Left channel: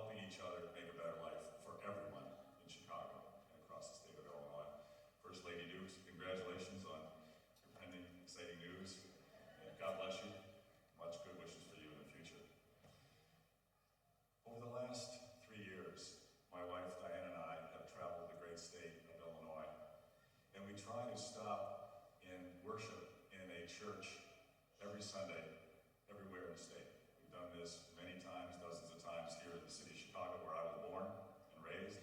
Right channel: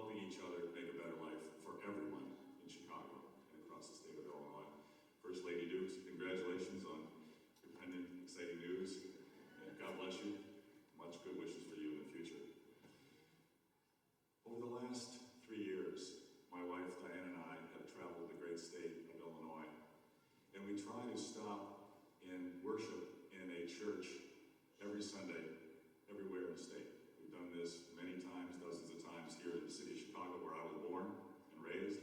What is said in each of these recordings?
helping each other make a better life for everyone in Chicago and across the state of Illinois. First Lady Dukes, congratulations on your pending exciting news, and God bless you. Much good wishes for you in the future. Over the last 3 years, my wife Diane and I have traveled the great state of Illinois, and we try to stop and worship in a church every Sunday, everywhere in the state. We've done this many times, dozens of times here in the city of Chicago, where I was born and raised.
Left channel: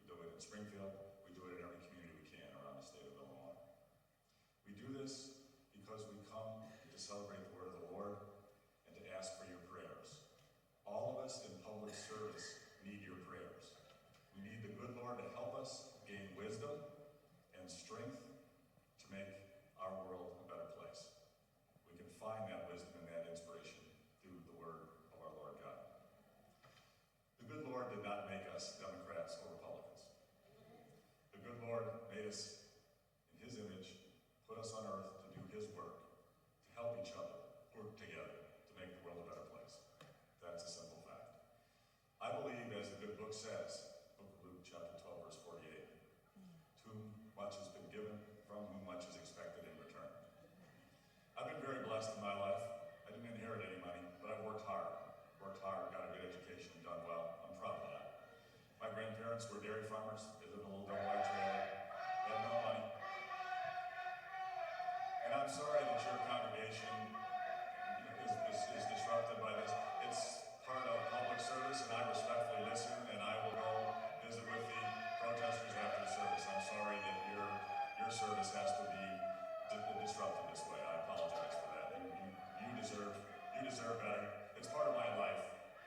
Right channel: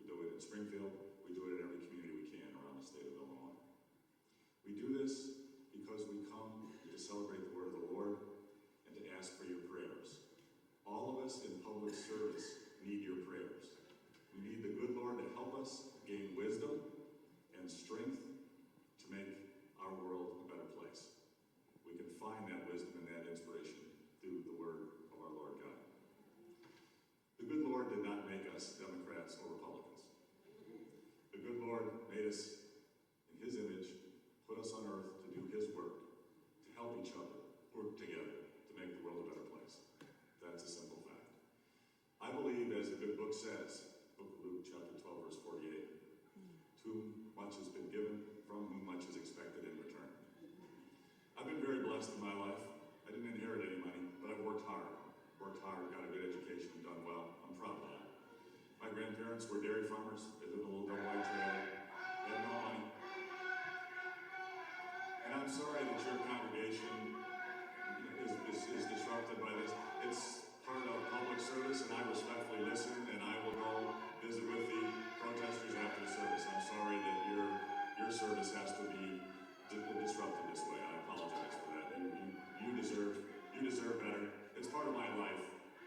We do it in Springfield. We do it in every community we can around the state of Illinois. We do this because we come to celebrate the word of the Lord and to ask for your prayers. All of us in public service need your prayers. We need the good Lord to help us gain wisdom and strength to make our world a better place. We can find that wisdom and that inspiration through the word of our Lord God. The good Lord did not make us Democrats or Republicans. The good Lord made us in his image, put us on earth to do his work, to help each other, work together to make the world a better place. That's a simple fact. I believe, as the good book says, book of Luke, chapter 12, verse 48, to whom much has been given, from whom much is expected in return. I've been very blessed in my life. I didn't inherit any money, but I've worked hard, got a good education, done well. I'm proud of that. My grandparents were dairy farmers. They lived in a little double-wide trailer. They had no money. And I'm sorry that your congregation is disrupted by this. It's part of public service, and I respectfully listen, and I will go visit with the protesters after the service. I'm sorry that your service has to be disrupted this way. I apologize for that. You deserve better. It's part of my life.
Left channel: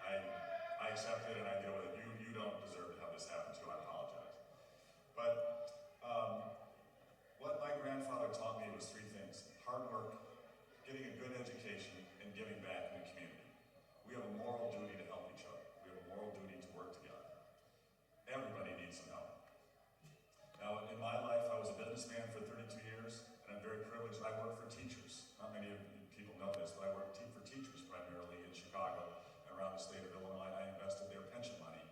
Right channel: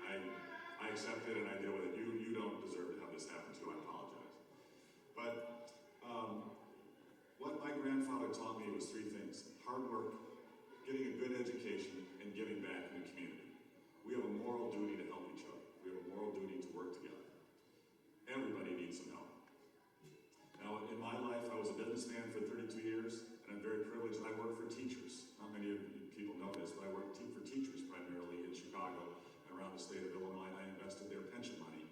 I accept it and I deal with it. You don't deserve to have this happen to you. I apologize. But what my grandfather taught me was 3 things: hard work, getting a good education, and giving back in the community. We have a moral duty to help each other. We have a moral duty to work together. Everybody needs some help. Now, in my life, I was a businessman for 32 years, and I'm very privileged. I work for teachers. Not many of you people know this, but I work for teachers primarily in Chicago and around the state of Illinois. I invested their pension money,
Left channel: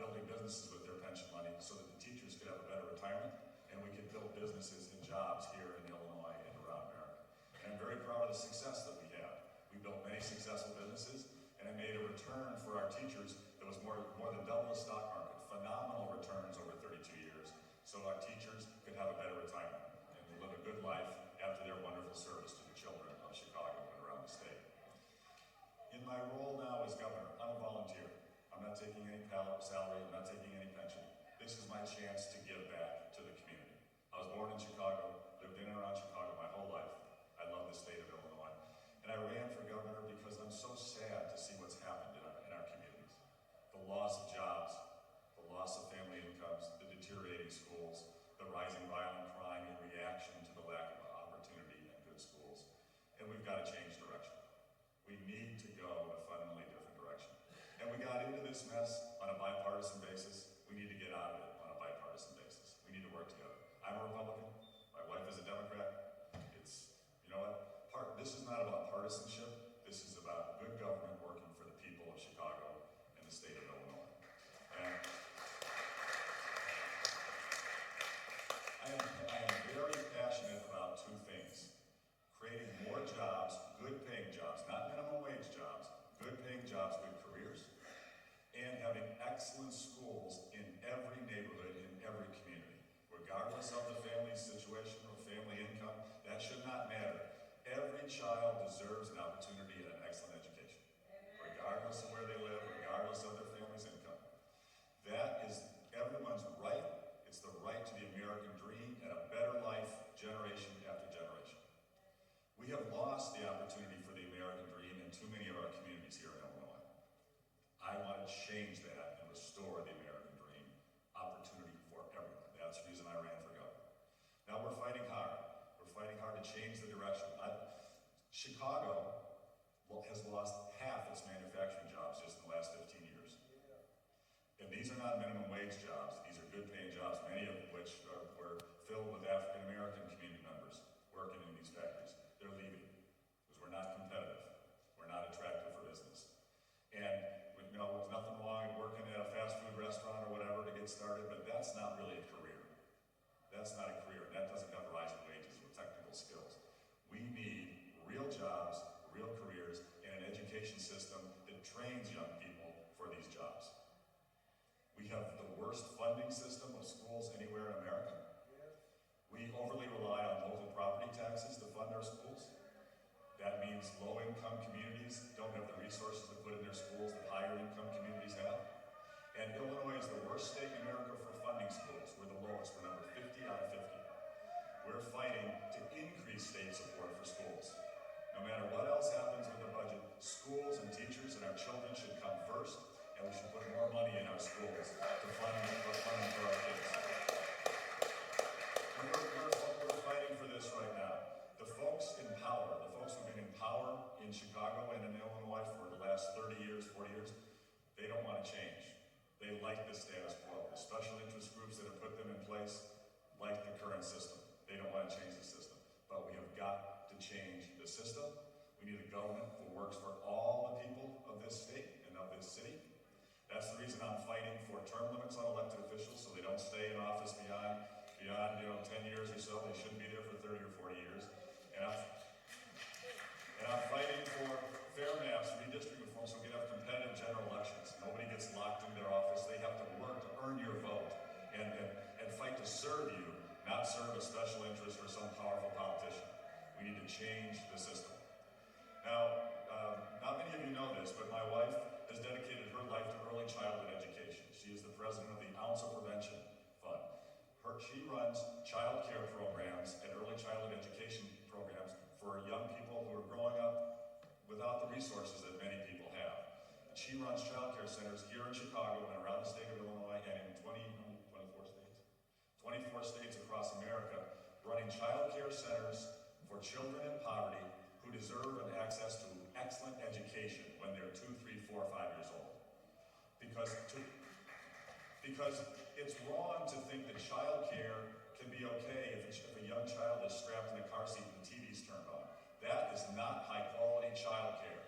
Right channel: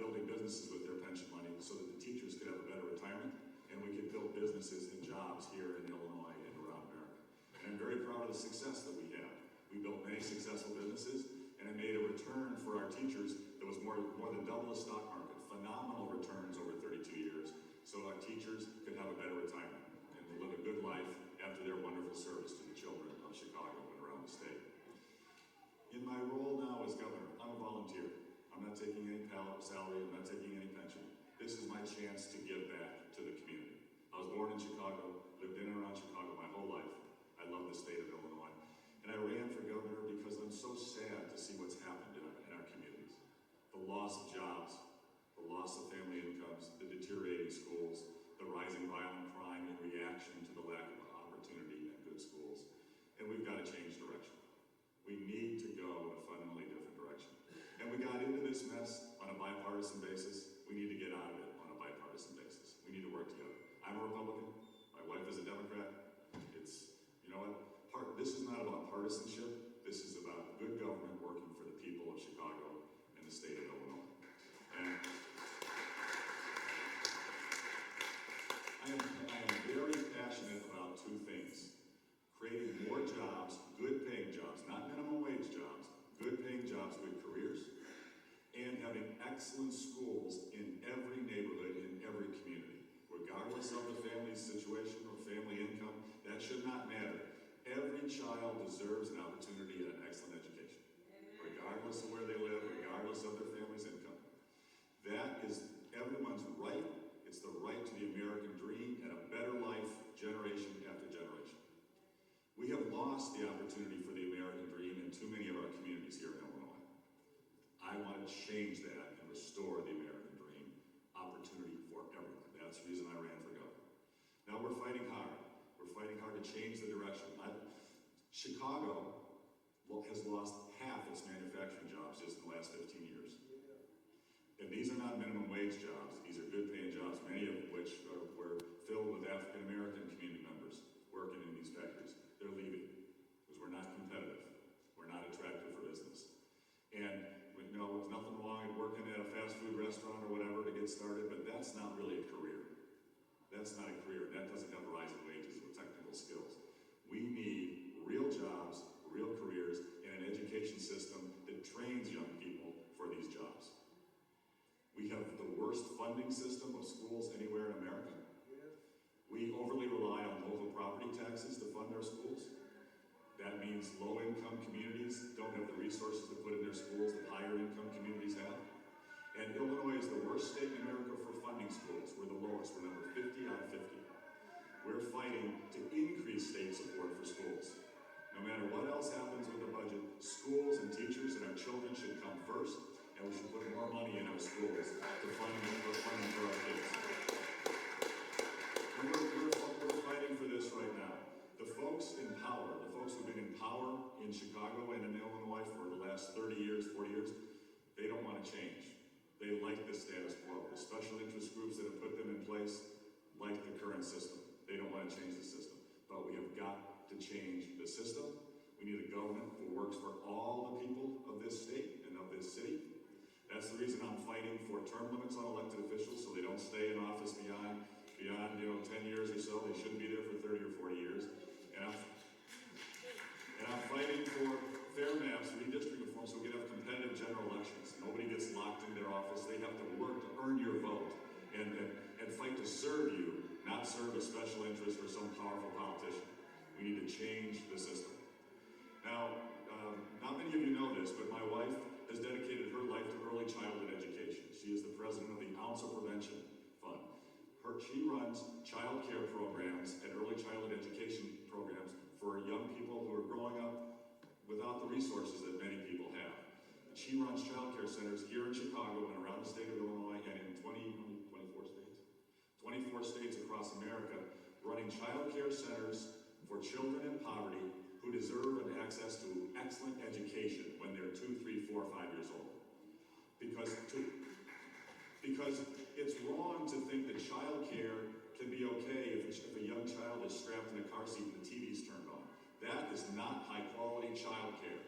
building businesses with their pension money so that the teachers could have a better retirement, and we could build businesses and jobs here in Illinois and around America. And I'm very proud of the success that we have. We built many successful businesses, and it made a return for our teachers that was more than double the stock market. Phenomenal returns over 32 years, so our teachers could have a better retirement and live a good life after their wonderful service to the children of Chicago and around the state. In my role now as governor, I'm a volunteer. I'm not taking any salary, I'm not taking any pension. This is my chance to give back to the community. I was born in Chicago, lived in and around Chicago my whole life. I love the state of Illinois. And I ran for governor because I'm so sad to see what's happened in our communities. The loss of jobs, the loss of family incomes, the deteriorating schools, the rising violent crime in reaction to the lack of opportunity and good schools. And we've got to change direction. We need to go in a fundamentally different direction. And we got into this mess on a bipartisan basis. We need to get out of it on a bipartisan basis. We need to work together. I'm a Republican. My wife is a Democrat. You know what? This is not about partisanship. This is about good government working for the people of Chicago and the state of Illinois. And I am very passionate about 2 things: creating more jobs, good paying jobs, not minimum wage jobs, good paying jobs, good careers, and having excellent schools in every neighborhood, in every community. Regardless of the family situation or family income, that should not matter. Every child deserves an opportunity at an excellent education, regardless of where they live, regardless of their family's income. That is everyone's right. It's the right to the American dream and a better life generation after generation. We have lost the opportunity for the American dream in too many of our communities here in Illinois. I want to change that and restore the American dream, opportunity for everyone. That's the reason I ran for governor. Now we're fighting hard. We're fighting hard to change the direction. Chicago has lost half its manufacturing jobs just in the last 15 years. And these are not minimum wage jobs. These are good paying jobs, many of which were filled with African American community members working in these factories. They're leaving because we're not competitive. We're not attractive for business. And there's nothing wrong get started, but that's not really a career. That's not a career. That doesn't have rising wages with technical skills. We need real jobs, real careers, and an education system that trains young people for these jobs. We have the worst funding system of schools anywhere in America. We overly rely on local property taxes to fund our schools. That means low-income communities don't have the resources to put in their schools that higher-income communities have. And Illinois is the worst state in America for funding schools. We're the lowest. We're number 50 out of 50. We're fighting to increase state support for schools. No matter what else happens with the budget, schools and teachers and our children should come first, and we should put more money in our schools to fund for our kids. And we're fighting for this right now. The folks in power, the folks who've been in power in Chicago and in Illinois for the last 30 years, 40 years, they don't want to change. They like the status quo. The special interest groups that have put them in place like the current system. They don't want to change the system. But we have got to change the system. We need a government that works for all the people of this state and of this city. That's the reason I'm fighting for term limits on elected officials so they don't stay in office beyond 10 years or so. They shouldn't be there for 30 or 40 years. And I'm fighting for fair maps, redistricting reform, so we can have competitive general elections. Nobody gets locked in their office. They have to work to earn your vote and fight to serve you, not serve a special interest or some powerful politician. We need to change the system. Now, not many of you know this, but my wife has dedicated her life to early childhood education. She is the president of the Ounce of Prevention Fund. She runs child care programs and early childhood education programs for young people who are growing up without the resources that many people have. And she runs child care centers here in Chicago and around the state of Illinois and in 24 states across America, running child care centers for children in poverty who deserve an access to excellent education when they're 2, 3, 4, 5 years old. Because it's wrong to think that child care can be okay if a young child is strapped in a car seat and the TV's turned on. That is not high-quality child care.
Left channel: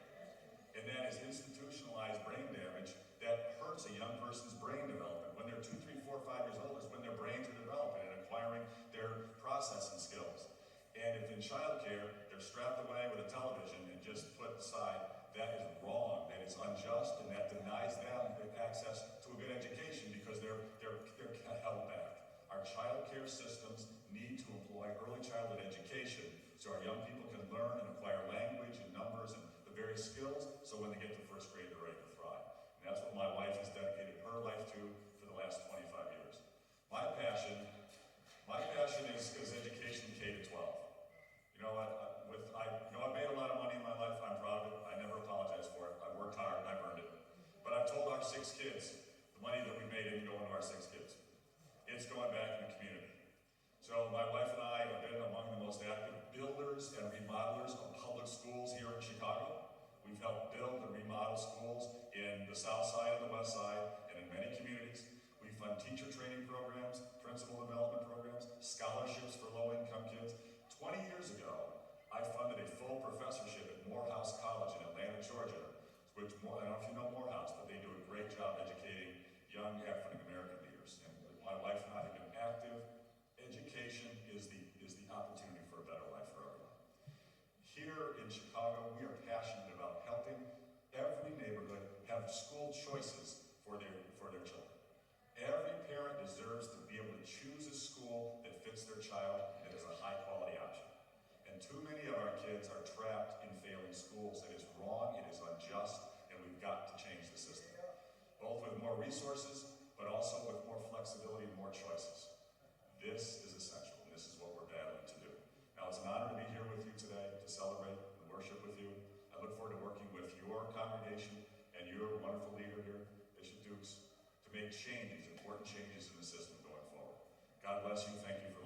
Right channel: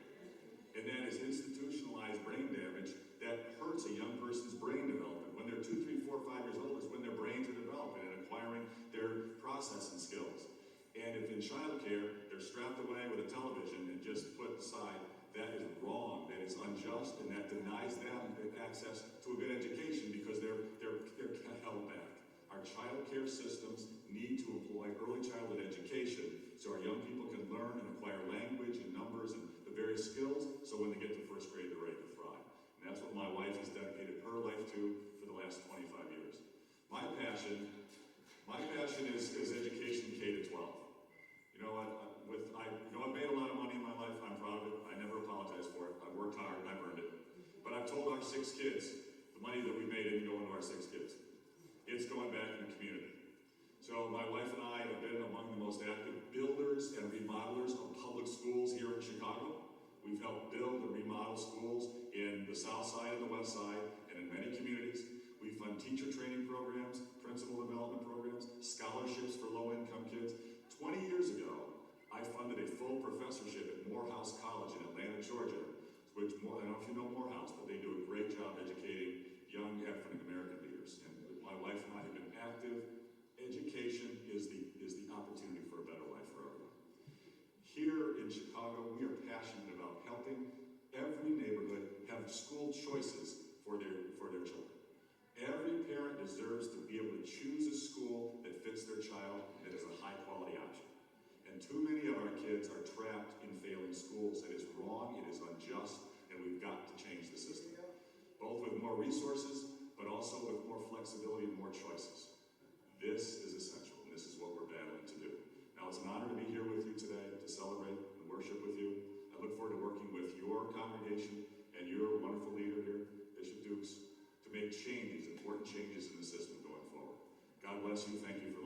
And that is institutionalized brain damage that hurts a young person's brain development. When they're 2, 3, 4, 5 years old is when their brains are developing and acquiring their processing skills. And if in child care, they're strapped away with a television and just put aside, that is wrong, that is unjust, and that denies them access to a good education because they're held back. Our child care systems need to employ early childhood education so our young people can learn and acquire language and numbers and the various skills so when they get to first grade, they're ready to thrive. And that's what my wife has dedicated her life to for the last 25 years. My passion is education K to 12. You know what? I've made a lot of money in my life. I'm proud of it. I never apologize for it. I've worked hard and I've earned it. But I've told our 6 kids, the money that we made didn't go into our 6 kids. It's going back in the community. So my wife and I have been among the most active builders and remodelers of public schools here in Chicago. We've helped build and remodel schools in the south side and the west side and in many communities. We fund teacher training programs, principal development programs, scholarships for low-income kids. 20 years ago, I funded a full professorship at Morehouse College in Atlanta, Georgia, which, I don't know if you know Morehouse, but they do a great job educating young African-American leaders. And my wife and I have been active. Education is the opportunity for a better life for everyone. Here in Chicago, we are passionate about helping every neighborhood have school choices for their children. Every parent deserves to be able to choose a school that fits their child that is a high-quality option. And too many of our kids are trapped in failing schools. It is wrong, it is unjust, and we've got to change the system. Both with more resources, but also with more flexibility and more choices. This is essential, and this is what we're battling to do. Now, it's an honor to be here with you today, to celebrate and worship with you. I look forward to working with your congregation and your wonderful leader here, Bishop Dukes, to make changes, important changes in the system going forward. God bless you. Thank you for